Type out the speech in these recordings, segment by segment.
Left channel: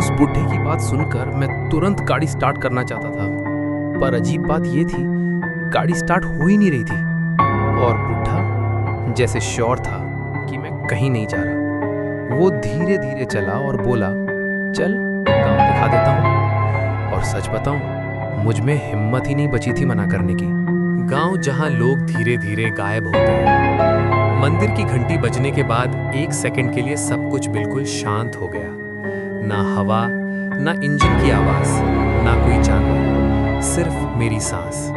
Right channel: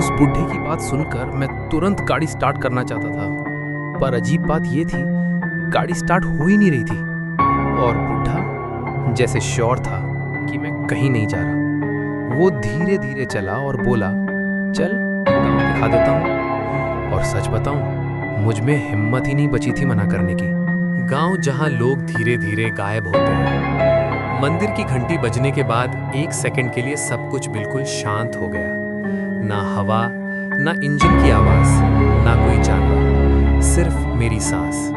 उस बुढ़े की बात सुनकर मैं तुरंत गाड़ी स्टार्ट करना चाहता था, पर अजीब बात यह थी, गाड़ी स्टार्ट हो ही नहीं रही थी और बुढ़ा जैसे श्योर था कि मैं कहीं नहीं जा रहा। वो धीरे धीरे चला और बोला, चल गांव दिखा देता हूँ। और सच बताऊं, मुझ में हिम्मत ही नहीं बची थी मना करने की। गांव जहां लोग धीरे धीरे गायब होते हैं। मंदिर की घंटी बजने के बाद 1 सेकंड के लिए सब कुछ बिल्कुल शांत हो गया। ना हवा, ना इंजन की आवाज, ना कोई जानवर, सिर्फ मेरी सांस।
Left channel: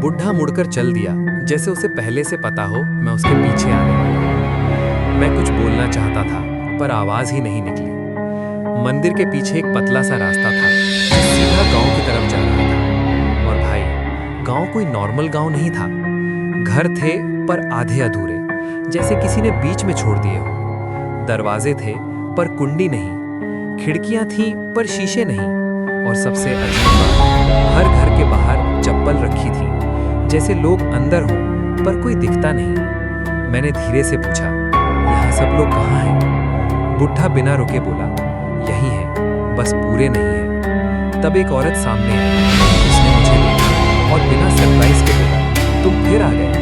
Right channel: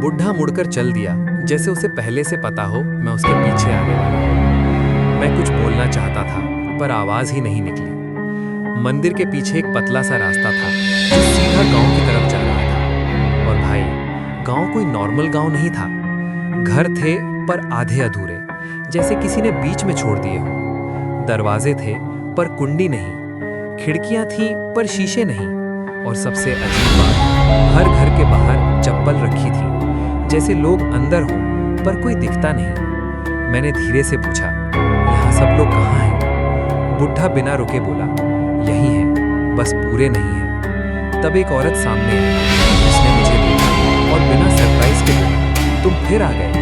बुढ़ा मुड़कर चल दिया, जैसे उसे पहले से पता हो मैं उसके पीछे आने वाला हूं। मैं कुछ बोलना चाहता था, पर आवाज ही नहीं निकली। मंदिर के पीछे एक पतला सा रास्ता था जो सीधा गांव की तरफ जा रहा था। और भाई, गांव कोई नॉर्मल गांव नहीं था। घर थे पर आधे अधूरे, जैसे किसी ने बीच में छोड़ दिए हो। दरवाजे थे पर कुंडी नहीं, खिड़कियां थीं पर शीशे नहीं। और सबसे अजीब बात, हर घर के बाहर चप्पल रखी थी, जैसे लोग अंदर हों पर कोई दिखता नहीं। मैंने धीरे से पूछा, यहाँ सब लोग कहाँ हैं? बुढ़ा बिना रुके बोला, यही है, बस पूरे नहीं है। तब एक औरत सामने आई। उसने मुझे देखा और बिना सरप्राइज के बोला, तुम फिर आ गए?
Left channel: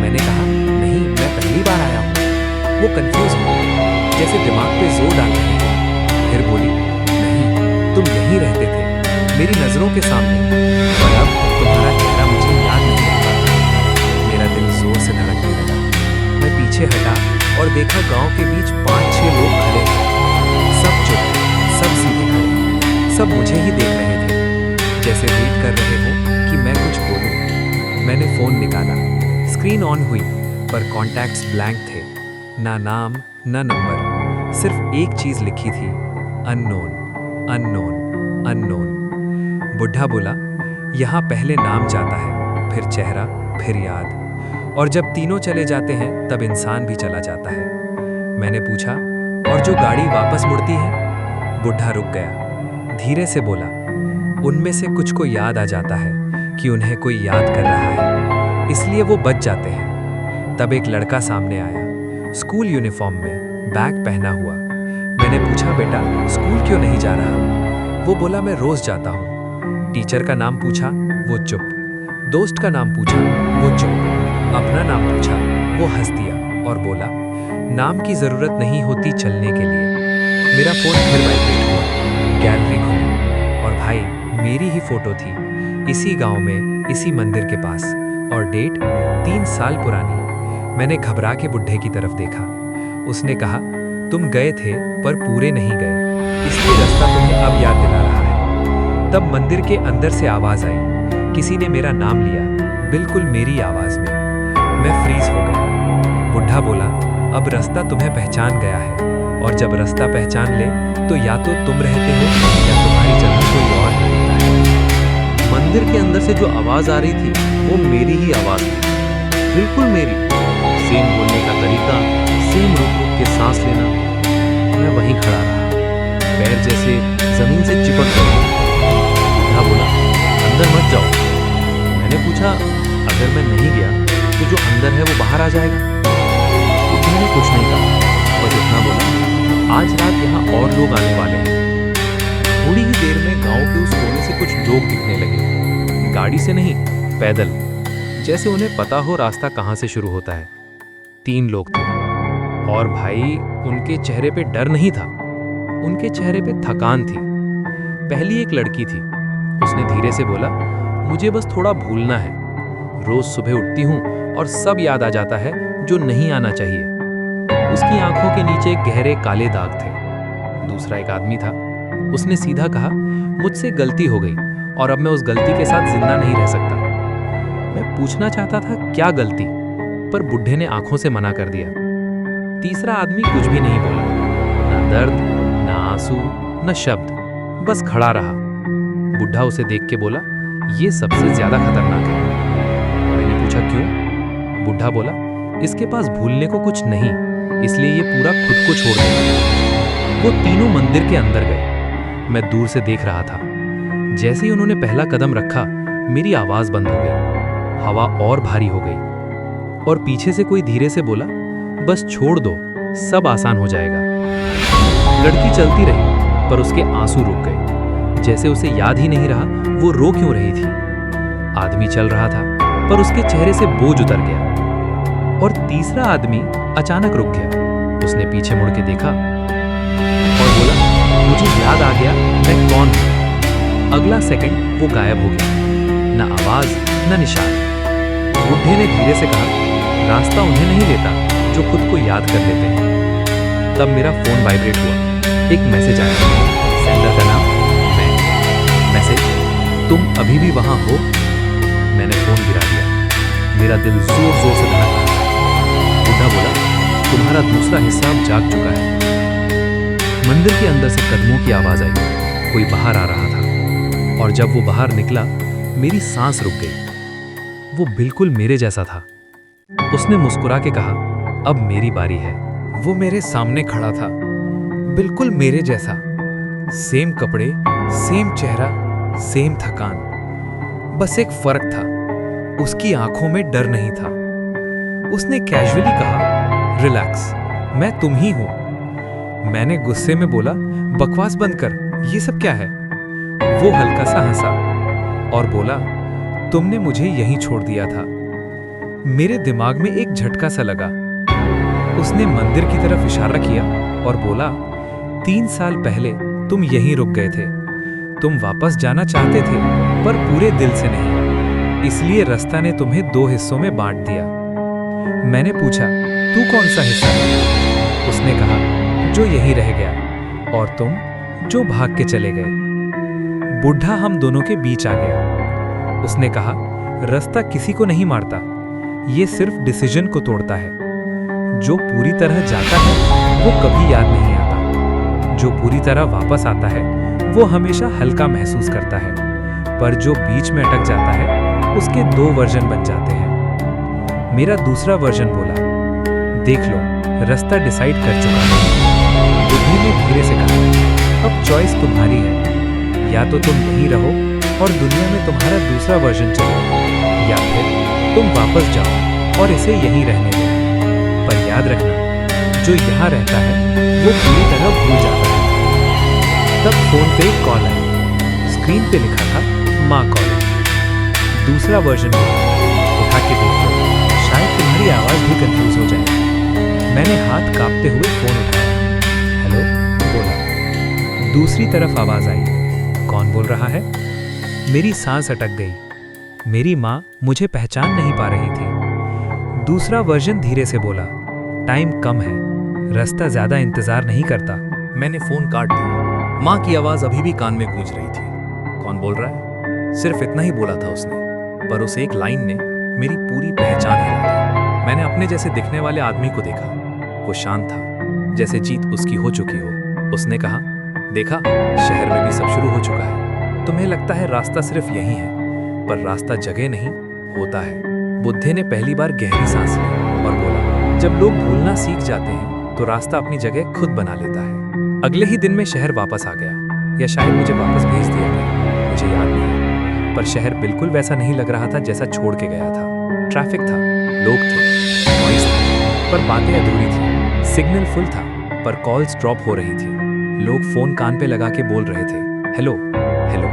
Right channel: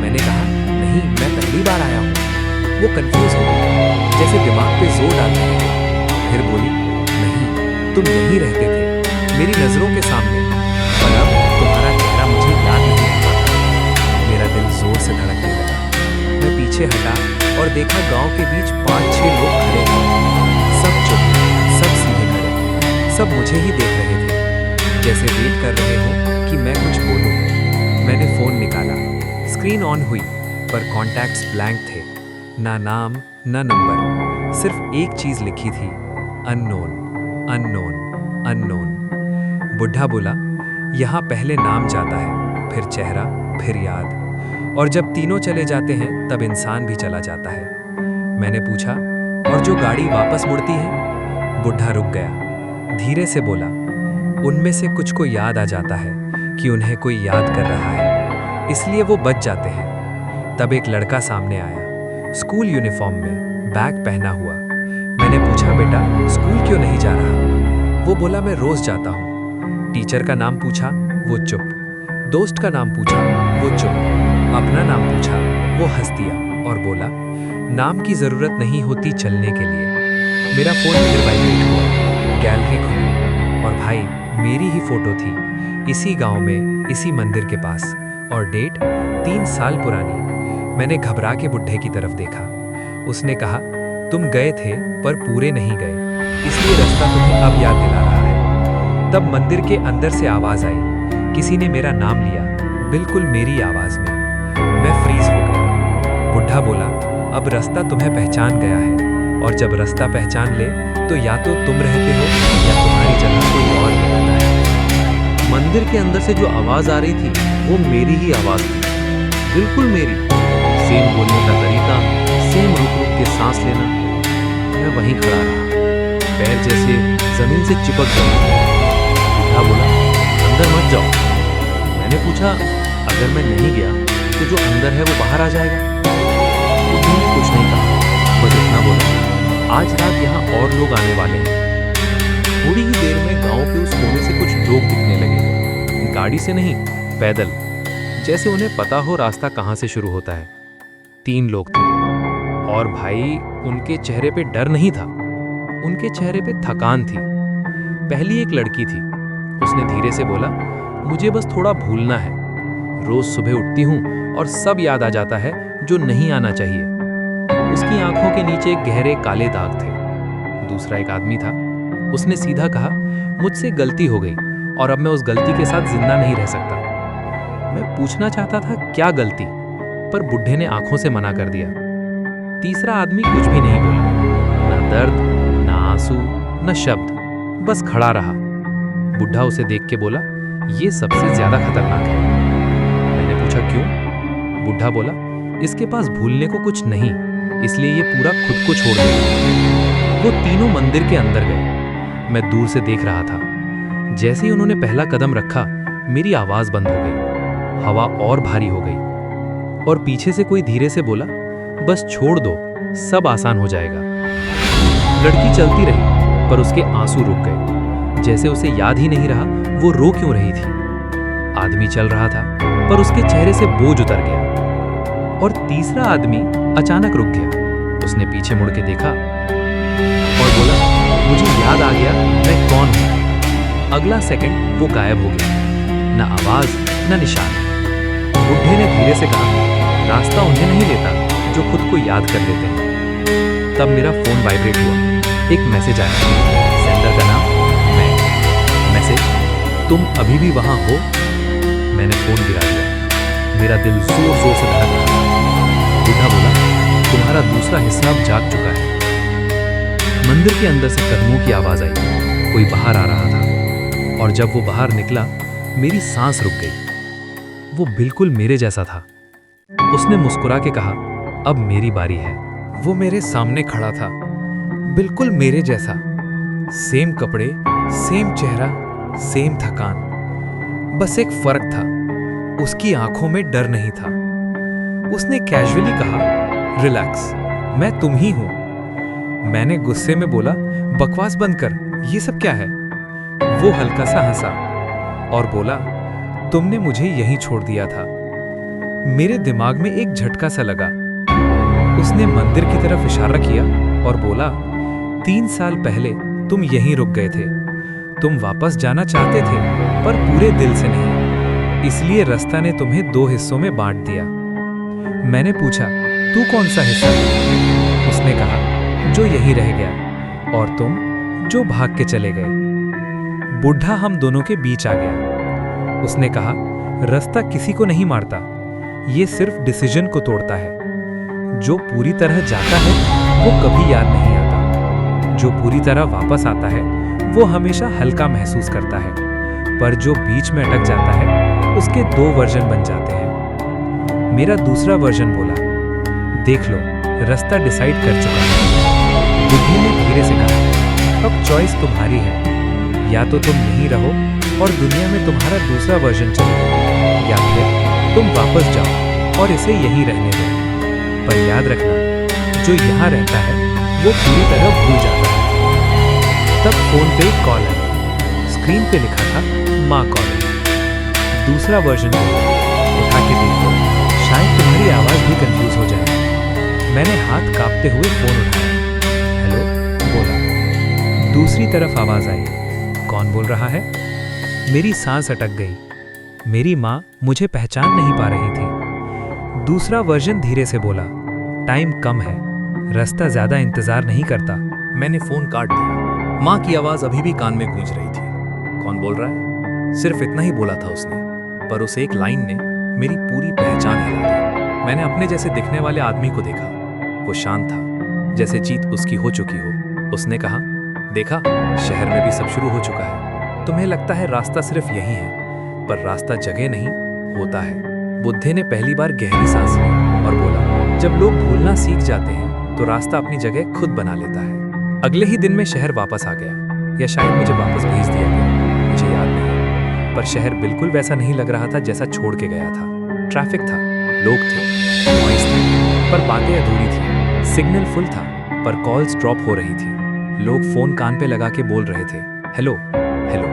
मैंने कहा, नहीं, मैं पहली बार आया हूँ। वो कंफ्यूज हो गई, जैसे दिमाग पे जोर डाल रही थी। फिर बोली, नहीं, तुम यहीं रहते थे, मेरी नजरों के सामने, पर अब तुम्हारा चेहरा मुझे याद नहीं आता। मेरा दिल जोर से धड़कने लगा। मैं पीछे हटा और देखा गांव के बीच 5-6 लोग खड़े थे। सब चुप, सब सीधे खड़े, सब मुझे ही देख रहे थे, जैसे वेट कर रहे हो कि मैं कुछ बोलूं। मैंने फोन निकाला, स्क्रीन ऑन हुई, पर कॉन्टैक्ट्स ब्लैंक थे। ना नाम, ना नंबर, सिर्फ एक चीज लिखी थी, अननोन, अननोन, अननोन। बुढ़ा बोला, यहाँ पहले नाम जाता है, फिर चेहरा, फिर याद, और जब तीनों चले जाते हैं तब इंसान भी चला जाता है। मैंने पूछा, और जो गाड़ी वापस मुड़ती है? बुढ़ा रुक गया, धीरे से बोला, उनमें से कुछ को याद आ जाता है कि उन्हें कोई याद कर रहा है, इसलिए वो बच जाते हैं। तब एक लड़का सामने आया, स्कूल यूनिफॉर्म में, बैग पहना हुआ। मैंने पूछा, बेटा स्कूल क्यों नहीं जा रहा? वो बोला, मैं रोज जाता हूँ। टीचर का नाम पूछा, वो चुप। दोस्त का नाम पूछा, वो चुप। अपना नाम पूछा, वो हंस दिया और बोला, नाम की जरूरत नहीं होती चलने के लिए। मेरा फोन फिर वाइब्रेट हुआ, गैलरी खुली, और भाई मेरी ही फोटो थी, इसी गांव में, इसी मंदिर के पास, और डेट 3 साल पुरानी। मैंने घबरा के बुढ़े की तरफ देखा। उसने कहा, तुम गए थे पर पूरे नहीं गए, इसलिए रास्ता तुम्हें अब याद दिला रहा है। तब मंदिर के अंदर से आवाज आई, किसी ने मेरा नाम लिया, बिल्कुल मेरी आवाज में। मैं फ्रीज हो गया। बुढ़ा बोला, अब रास्ता तुम्हें पहचान गया है, और जब रास्ता पहचान ले तो या तो तुम रहते हो या तुम्हारी जगह कोई और ले लेता है। मंदिर के अंदर से जो आवाज आ रही थी वो मेरी ही आवाज थी, बिल्कुल मेरी। सेम बोलने का तरीका, सेम रुक रुक के सांस लेना। मैं वहीं खड़ा रहा, पैर जैसे जमीन से चिपक गए। बुढ़ा बोला, अंदर मत जाओ। मैंने पूछा, अगर मैं नहीं गया तो जो अंदर है वो बाहर आ जाएगा? बुढ़े ने कुछ नहीं कहा, बस इतना बोला, आज रात यहाँ और लोग आने वाले हैं। थोड़ी ही देर में गांव के उस कोने से कुछ लोग दिखने लगे, गाड़ी से नहीं, पैदल, जैसे उन्हें पता हो रास्ता कहाँ से शुरू होता है। 3 लोग थे, और भाई उनके चेहरे पे डर नहीं था, उनके चेहरे पे थकान थी। पहली एक लड़की थी, उसने धीरे से बोला, मुझे बस थोड़ा भूलना है, रोज सुबह उठती हूँ और सब याद आ जाता है जो नहीं आना चाहिए। उसकी आंखों के नीचे गहरे काले दाग थे। दूसरा एक आदमी था, उसने सीधा कहा, मुझसे गलती हो गई और अब मैं उस गलती के साथ जिंदा नहीं रह सकता। मैं पूछना चाहता था क्या गलती, पर बुढ़े ने आंखों से मना कर दिया। तीसरा आदमी कुछ भी नहीं बोला, ना दर्द, ना आंसू, ना शब्द, बस खड़ा रहा। बुढ़ा उसे देख के बोला, ये सबसे ज्यादा खतरनाक है। मैंने पूछा, क्यों? बुढ़ा बोला, इसके पास भूलने को कुछ नहीं, इसलिए ये पूरा खुद को छोड़ देगा। वो तीनों मंदिर के अंदर गए। मैं दूर से देख रहा था। जैसे ही उन्होंने पहला कदम रखा, मेरी आवाज बंद हो गई, हवा और भारी हो गई, और पीछे से कोई धीरे से बोला, बस छोड़ दो, सब आसान हो जाएगा। लड़की चलती रही, पर उसके आंसू रुक गए, जैसे उसे याद ही नहीं रहा वो रो क्यों रही थी। आदमी चल रहा था, पर उसके चेहरे से बोझ उतर गया। और तीसरा आदमी अचानक रुक गया। उसने पीछे मुड़ के देखा और बोला, मुझे याद आ गया मैं कौन हूं। अगला सेकंड वो गायब हो गया, न आवाज न निशान। बुढ़े ने धीरे से कहा, रास्ता उन्हें नहीं लेता जो खुद को याद कर लेते हैं। तब मेरा फोन वाइब्रेट हुआ। एक मैसेज आया, सेंडर का नाम मैं। मैसेज, तुम अभी भी वहां हो? मैंने फोन गिरा दिया। मेरा दिल जोर जोर से धड़क रहा था। बुढ़ा बोला, तुम्हारा दूसरा हिस्सा अब जाग चुका है। मंदिर के अंदर से कदमों की आवाज आई। कोई बाहर आ रहा था, और जब वो बाहर निकला मेरी सांस रुक गई। वो बिल्कुल मेरे जैसा था। उसने मुस्कुरा के कहा, अब मेरी बारी है। वो मेरे सामने खड़ा था, बिल्कुल मेरे जैसा। सेम कपड़े, सेम चेहरा, सेम थकान। बस एक फर्क था, उसकी आंखों में डर नहीं था। उसने कैजुअली कहा, रिलैक्स, मैं तुम ही हूं। मैंने गुस्से में बोला, बकवास बंद कर, ये सब क्या है? वो हल्का सा हंसा और बोला, तुमने मुझे यहीं छोड़ दिया था। मेरे दिमाग में एक झटका सा लगा। उसने मंदिर की तरफ इशारा किया और बोला, 3 साल पहले तुम यहीं रुक गए थे। तुम वापस जाना चाहते थे, पर पूरे दिल से नहीं। इसलिए रास्ता ने तुम्हें 2 हिस्सों में बांट दिया। मैंने पूछा, तू कौन सा हिस्सा है? उसने कहा, जो यहीं रह गया, और तुम जो भाग के चले गए। बुढ़ा हम दोनों के बीच आ गया। उसने कहा, रास्ता किसी को नहीं मारता, ये सिर्फ डिसीजन को तोड़ता है। जो पूरी तरह जाता है वो कभी याद नहीं आता। जो पूरी तरह वापस आता है वो हमेशा हल्का महसूस करता है। पर जो बीच में अटक जाता है उसके 2 वर्जन बन जाते हैं। मेरा दूसरा वर्जन बोला, देख लो, रास्ता डिसाइड कर चुका है। बुद्धि ने धीरे से कहा, अब चॉइस तुम्हारी है। या तो तुम यहीं रहो और दुनिया में तुम्हारा दूसरा वर्जन चले, या फिर तुम वापस जाओ और इसे यहीं रहने दो। पर याद रखना, जो यहाँ रहता है वो पूरी तरह भूल जाता है। तब फोन पे एक कॉल आई। स्क्रीन पे लिखा था, माँ कॉलिंग। दूसरा वर्जन उठा के देख लो, शायद तुम्हारी आवाज भी कंफ्यूज हो जाए। मैंने हाथ कांपते हुए फोन उठाया। हेलो बोला। दूसरी तरफ आवाज आई, कौन बोल रहा है? मेरी सांस अटक गई। मेरी माँ मुझे पहचान नहीं पा रही थी। दूसरा वर्जन धीरे से बोला, टाइम कम है, रास्ता ज्यादा इंतजार नहीं करता। मैंने फोन काट दिया। माँ की आवाज अभी भी कान में गूंज रही थी। कौन बोल रहा है? सिर्फ इतना ही बोला था उसने, पर उस एक लाइन ने मेरी पूरी पहचान हिला दी। मैंने अपने जैसे दिखने वाले आदमी को देखा। वो शांत था, जैसे जीत उसकी हो चुकी हो। उसने कहा, देखा, शहर में भी सब शुरू हो चुका है। तुम्हें लगता है रास्ता सिर्फ यही है, पर रास्ता जगह नहीं होता है। बुद्धे ने पहली बार गहरी सांस ली और बोला, जब लोग भूलना सीख जाते हैं तो रास्ता अपनी जगह खुद बना लेता है। अगले ही दिन में शहर वापस आ गया, या शायद मुझे वापस भेज दिया गया, मुझे याद नहीं। पर शहर बिल्कुल वैसा नहीं लग रहा था जैसा छोड़ के गया था। ट्रैफिक था, लोग थे, नॉइस था, पर बातें अधूरी थी। सिग्नल फुल था, पर कॉल्स ड्रॉप हो रही थी। लोग फोन कान पे लगा के बोल रहे थे, हेलो हेलो,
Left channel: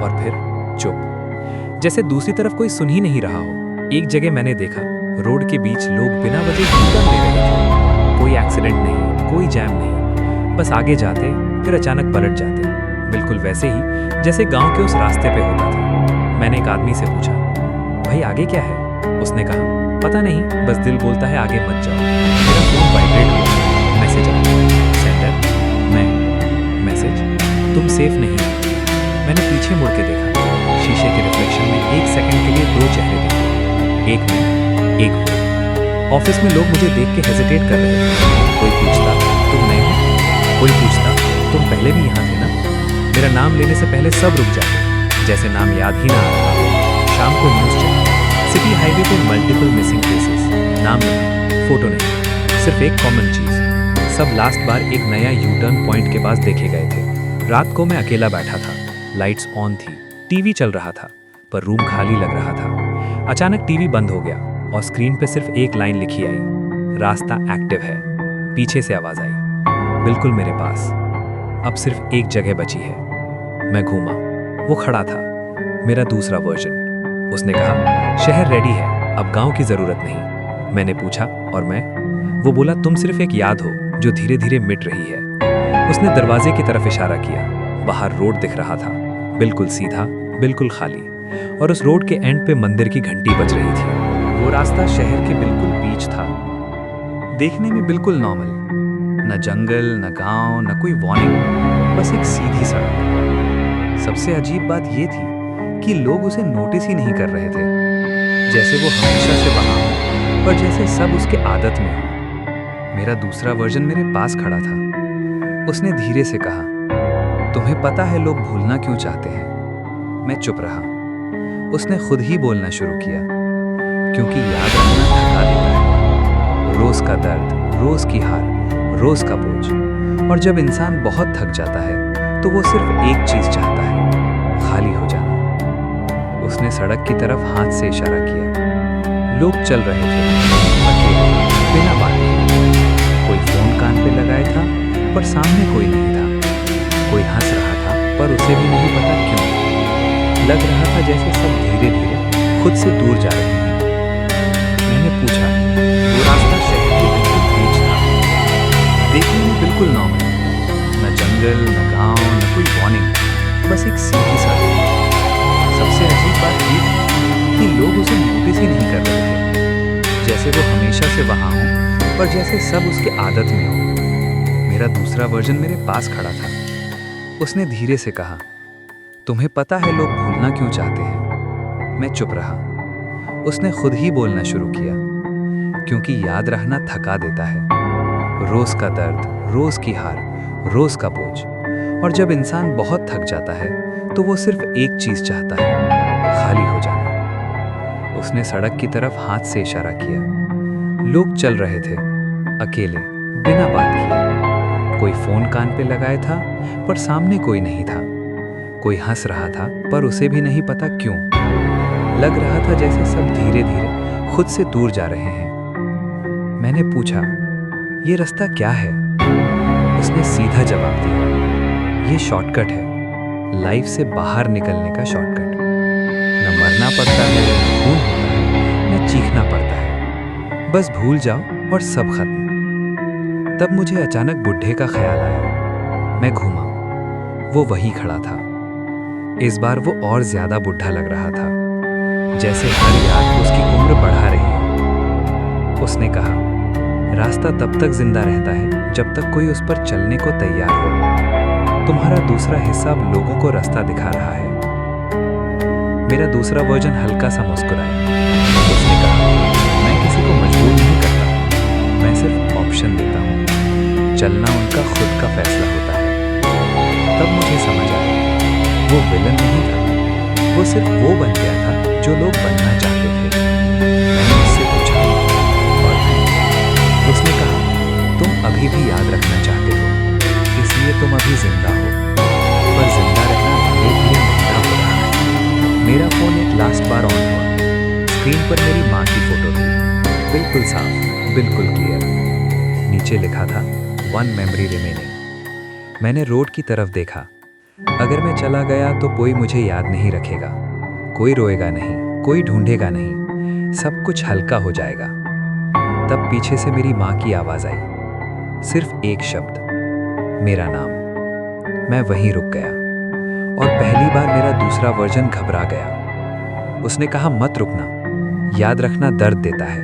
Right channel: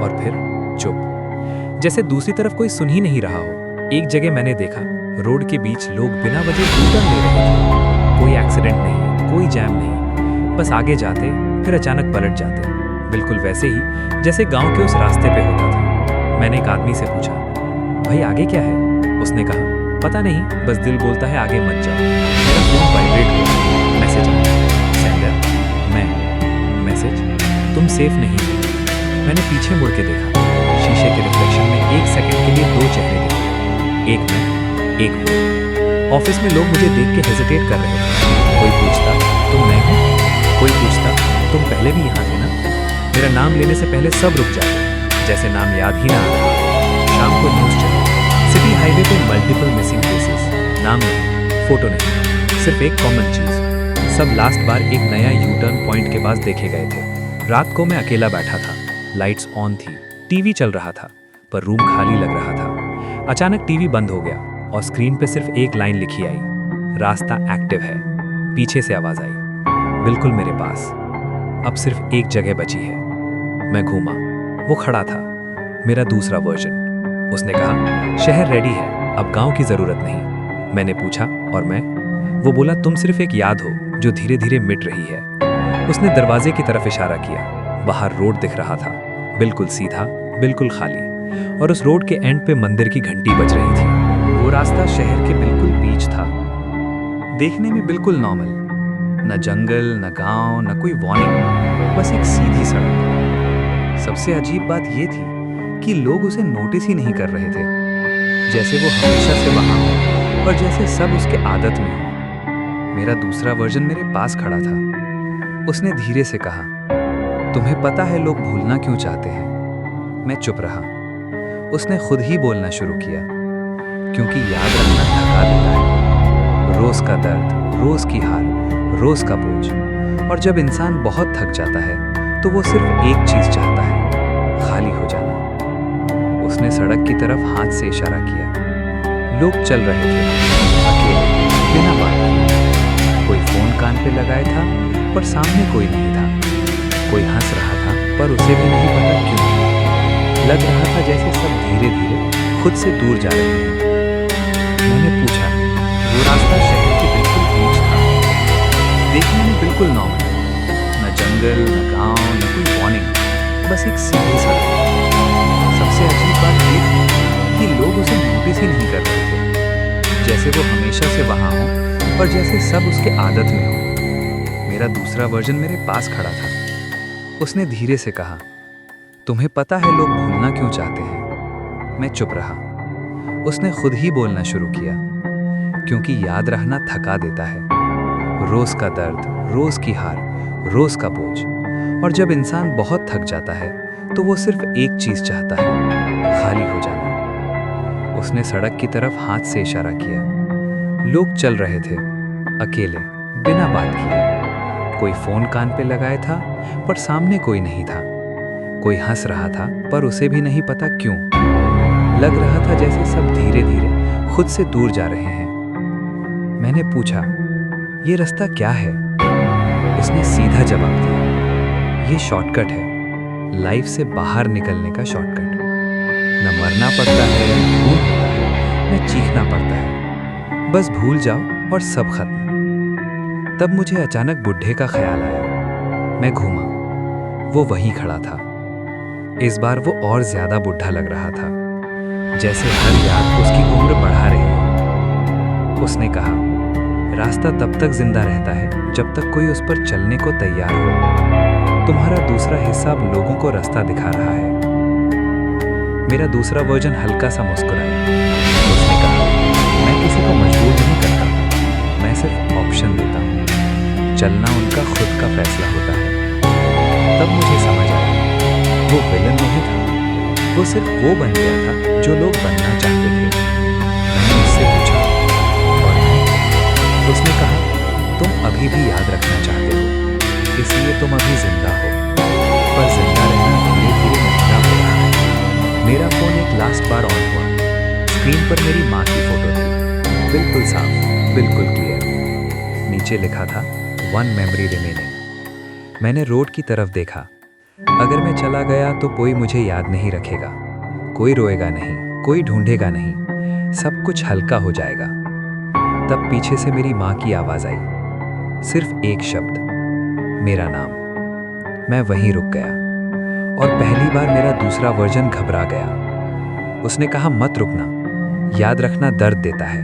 और फिर चुप, जैसे दूसरी तरफ कोई सुन ही नहीं रहा हो। एक जगह मैंने देखा, रोड के बीच लोग बिना वजह यू-टर्न ले रहे थे। कोई एक्सीडेंट नहीं, कोई जैम नहीं, बस आगे जाते फिर अचानक पलट जाते, बिल्कुल वैसे ही जैसे गांव के उस रास्ते पे होता था। मैंने एक आदमी से पूछा, भाई आगे क्या है? उसने कहा, पता नहीं, बस दिल बोलता है आगे मत जाओ। मेरा फोन वाइब्रेट हुआ। मैसेज आया, सेंडर मैं। मैसेज, तुम सेफ नहीं हो। मैंने पीछे मुड़ के देखा। शीशे के रिफ्लेक्शन में एक सेकंड के लिए 2 चेहरे दिखे, एक मैं, एक वो। ऑफिस में लोग मुझे देख के हेजिटेट कर रहे थे। कोई पूछता, तुम नए हो? कोई पूछता, तुम पहले भी यहाँ थे ना? मेरा नाम लेने से पहले सब रुक जाते, जैसे नाम याद ही ना आ रहा हो। शाम को न्यूज़ चली, सिटी हाईवे पे मल्टीपल मिसिंग केसेस। नाम नहीं, फोटो नहीं, सिर्फ एक कॉमन चीज, सब लास्ट बार एक नया यू टर्न पॉइंट के पास देखे गए थे। रात को मैं अकेला बैठा था, लाइट्स ऑन थी, टीवी चल रहा था, पर रूम खाली लग रहा था। अचानक टीवी बंद हो गया और स्क्रीन पे सिर्फ एक लाइन लिखी आई, रास्ता एक्टिव है। पीछे से आवाज आई, बिल्कुल मेरे पास। अब सिर्फ एक जगह बची है। मैं घूमा, वो खड़ा था, मेरा दूसरा वर्जन। उसने कहा, शहर रेडी है, अब गांव की जरूरत नहीं। मैंने पूछा, और मैं? वो बोला, तुम सिर्फ एक याद हो जो धीरे धीरे मिट रही है। उसने दरवाजे की तरफ इशारा किया। बाहर रोड दिख रहा था, बिल्कुल सीधा, बिल्कुल खाली, और उस रोड के एंड पे मंदिर की घंटी बज रही थी। वो रास्ता शहर के बिल्कुल बीच था, देखने में बिल्कुल नॉर्मल, न जंगल, न गांव, न कोई वार्निंग, बस एक सीधी सड़क। सबसे अजीब बात यह थी कि लोग उसे नोटिस ही नहीं कर रहे थे, जैसे वो हमेशा से वहां हो और जैसे सब उसके आदत में हो। मेरा दूसरा वर्जन मेरे पास खड़ा था। उसने धीरे से कहा, तुम्हें पता है लोग भूलना क्यों चाहते हैं? मैं चुप रहा। उसने खुद ही बोलना शुरू किया, क्योंकि याद रखना थका देता है। रोज का दर्द, रोज की हार, रोज का बोझ, और जब इंसान बहुत थक जाता है तो वो सिर्फ एक चीज चाहता है, खाली हो जाना। उसने सड़क की तरफ हाथ से इशारा किया। लोग चल रहे थे, अकेले, बिना बात किए। कोई फोन कान पे लगाए था, पर सामने कोई नहीं था। कोई हंस रहा था, पर उसे भी नहीं पता क्यों। लग रहा था जैसे सब धीरे धीरे खुद से दूर जा रहे हैं। मैंने पूछा, वो रास्ता शहर के बिल्कुल बीच था, देखने में बिल्कुल नॉर्मल, न जंगल, न गांव, न कोई वार्निंग, बस एक सीधी सड़क। सबसे अजीब बात ये थी कि लोग उसे नोटिस ही नहीं कर रहे थे, जैसे वो हमेशा से वहां हो और जैसे सब उसके आदत में हो। मेरा दूसरा वर्जन मेरे पास खड़ा था। उसने धीरे से कहा, तुम्हें पता है लोग भूलना क्यों चाहते हैं? मैं चुप रहा। उसने खुद ही बोलना शुरू किया, क्योंकि याद रखना थका देता है। रोज का दर्द, रोज की हार, रोज का बोझ, और जब इंसान बहुत थक जाता है तो वो सिर्फ एक चीज चाहता है, खाली हो जाना। उसने सड़क की तरफ हाथ से इशारा किया। लोग चल रहे थे, अकेले, बिना बात किए। कोई फोन कान पे लगाए था, पर सामने कोई नहीं था। कोई हंस रहा था, पर उसे भी नहीं पता क्यों। लग रहा था जैसे सब धीरे धीरे खुद से दूर जा रहे हैं। मैंने पूछा, ये रास्ता क्या है? उसने सीधा जवाब दिया, ये शॉर्टकट है, लाइफ से बाहर निकलने का शॉर्टकट। न मरना पड़ता है, न खून होता है, न चीखना पड़ता है, बस भूल जाओ और सब खत्म। तब मुझे अचानक बुढ़े का ख्याल आया। मैं घूमा, वो वहीं खड़ा था। इस बार वो और ज्यादा बुढ़ा लग रहा था, जैसे हर याद उसकी उम्र बढ़ा रही हो। उसने कहा, रास्ता तब तक जिंदा रहता है जब तक कोई उस पर चलने को तैयार हो। तुम्हारा दूसरा हिस्सा अब लोगों को रास्ता दिखा रहा है। मेरा दूसरा वर्जन हल्का सा मुस्कुराया। उसने कहा, मैं किसी को मजबूर नहीं करता, मैं सिर्फ ऑप्शन देता हूँ। चलना उनका खुद का फैसला होता है। तब मुझे समझ आया, वो विलन नहीं था, वो सिर्फ वो बन गया था जो लोग बनना चाहते थे। मैंने उससे पूछा, और मैं? उसने कहा, तुम अभी भी याद रखना चाहते हो, इसलिए तुम अभी जिंदा हो, पर जिंदा रहना धीरे धीरे महंगा हो रहा है। मेरा फोन एक लास्ट बार ऑन हुआ। स्क्रीन पर मेरी माँ की फोटो थी, बिल्कुल साफ, बिल्कुल क्लियर। नीचे लिखा था, 1 मेमोरी रिमेनिंग। मैंने रोड की तरफ देखा। अगर मैं चला गया तो कोई मुझे याद नहीं रखेगा, कोई रोएगा नहीं, कोई ढूंढेगा नहीं, सब कुछ हल्का हो जाएगा। तब पीछे से मेरी माँ की आवाज आई, सिर्फ एक शब्द, मेरा नाम। मैं वहीं रुक गया, और पहली बार मेरा दूसरा वर्जन घबरा गया। उसने कहा, मत रुकना, याद रखना दर्द देता है।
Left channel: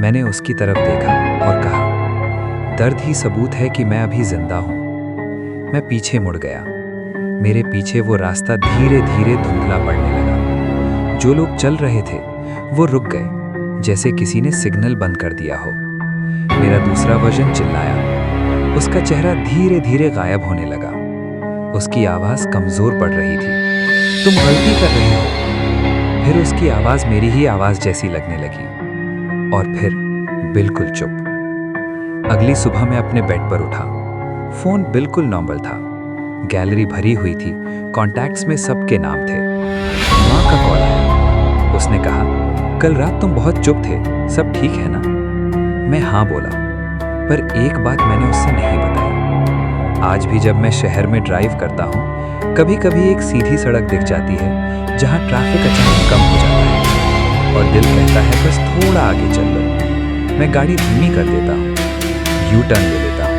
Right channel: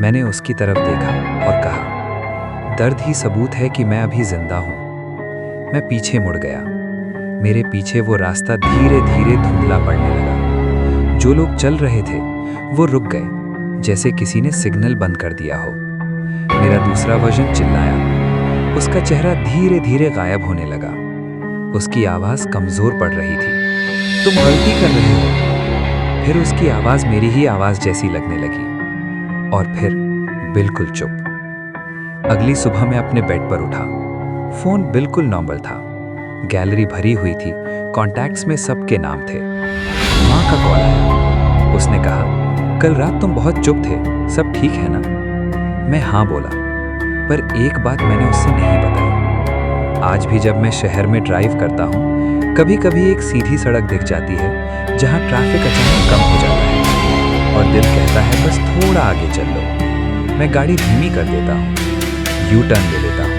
मैंने उसकी तरफ देखा और कहा, दर्द ही सबूत है कि मैं अभी जिंदा हूं। मैं पीछे मुड़ गया। मेरे पीछे वो रास्ता धीरे धीरे धुंधला पड़ने लगा। जो लोग चल रहे थे वो रुक गए, जैसे किसी ने सिग्नल बंद कर दिया हो। मेरा दूसरा वर्जन चिल्लाया। उसका चेहरा धीरे धीरे गायब होने लगा। उसकी आवाज कमजोर पड़ रही थी, तुम गलती कर रहे हो। फिर उसकी आवाज मेरी ही आवाज जैसी लगने लगी, और फिर बिल्कुल चुप। अगली सुबह मैं अपने बेड पर उठा। फोन बिल्कुल नॉर्मल था, गैलरी भरी हुई थी, कॉन्टैक्ट्स में सबके नाम थे। माँ का कॉल आया। उसने कहा, कल रात तुम बहुत चुप थे, सब ठीक है ना? मैं हाँ बोला, पर एक बात मैंने उससे नहीं बताई। आज भी जब मैं शहर में ड्राइव करता हूँ, कभी कभी एक सीधी सड़क दिख जाती है जहाँ ट्रैफिक अचानक कम हो जाता है और दिल कहता है बस थोड़ा आगे चल लो। मैं गाड़ी धीमी कर देता हूँ, यू टर्न ले लेता हूँ,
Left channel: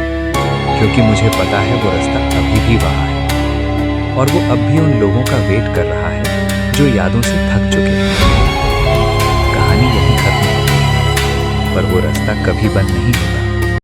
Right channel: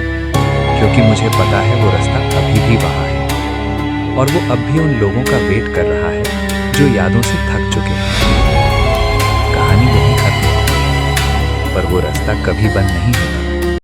क्योंकि मुझे पता है वो रास्ता अभी भी वहाँ है और वो अब भी उन लोगों का वेट कर रहा है जो यादों से थक चुके हैं। कहानी यहीं खत्म होती है, पर वो रास्ता कभी बंद नहीं होता।